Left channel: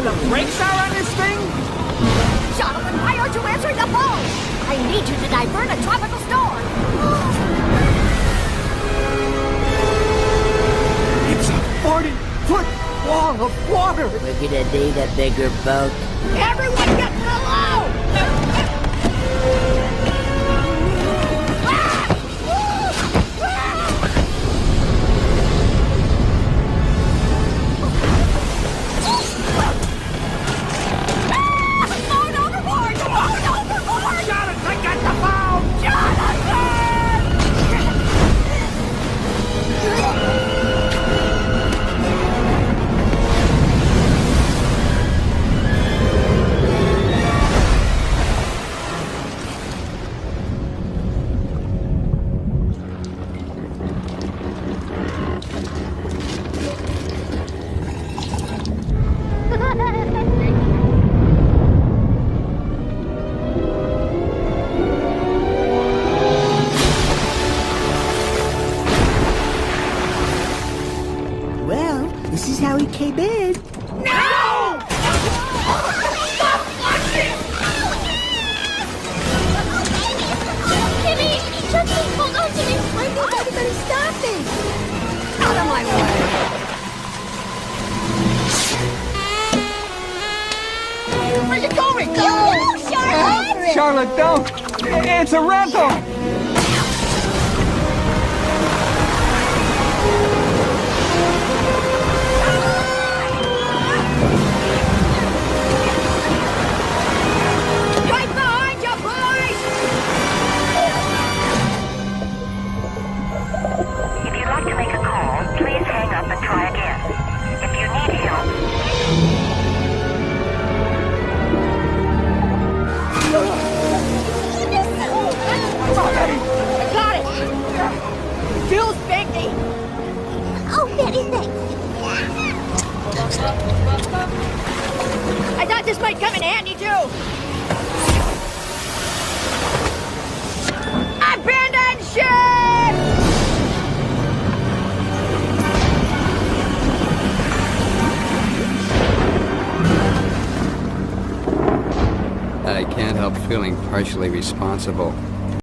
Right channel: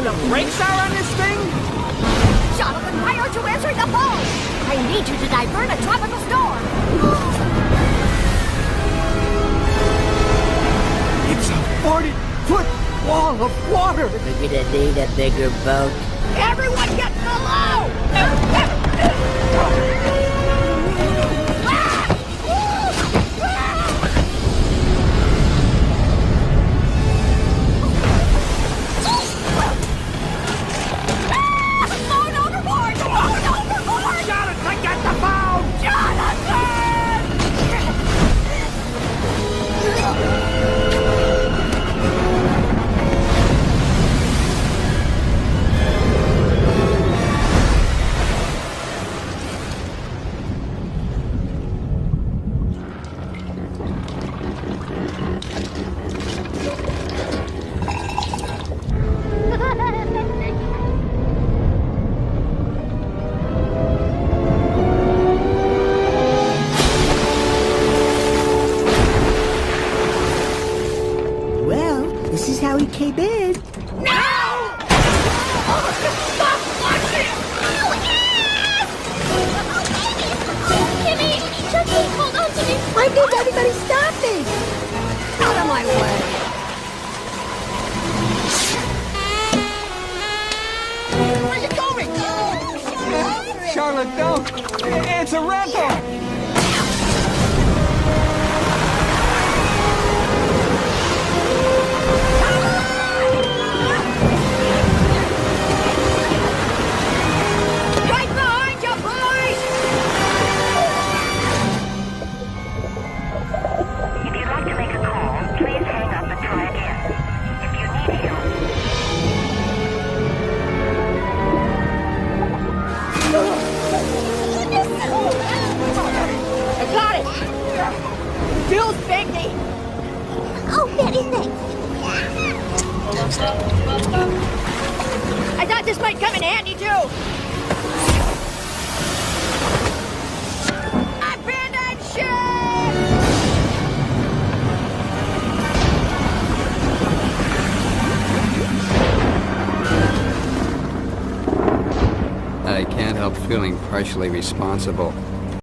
where the brakes are on this thing? Jonathan, why aren't you answering the phone? I need you to divert a tropical storm. It's a 40-foot wall of water. We're gonna need a bigger boat. Everyone get below! Jonathan, get the phone! Well, this is how he came in. No! Stop watching! Kimmy! Chucky, hold on to me! Why did everybody stop me? Out of my way! Where are you going? No, Charlotte! Charlotte, don't! It's a rental! Right behind you, boys! If you'd like to make a call, please hang up and try again. If you need help, I got it! Bill's baby! Oh, Betty, thanks. I thought this might come in handy, too! Abandon ship! I can't help feeling partially responsible.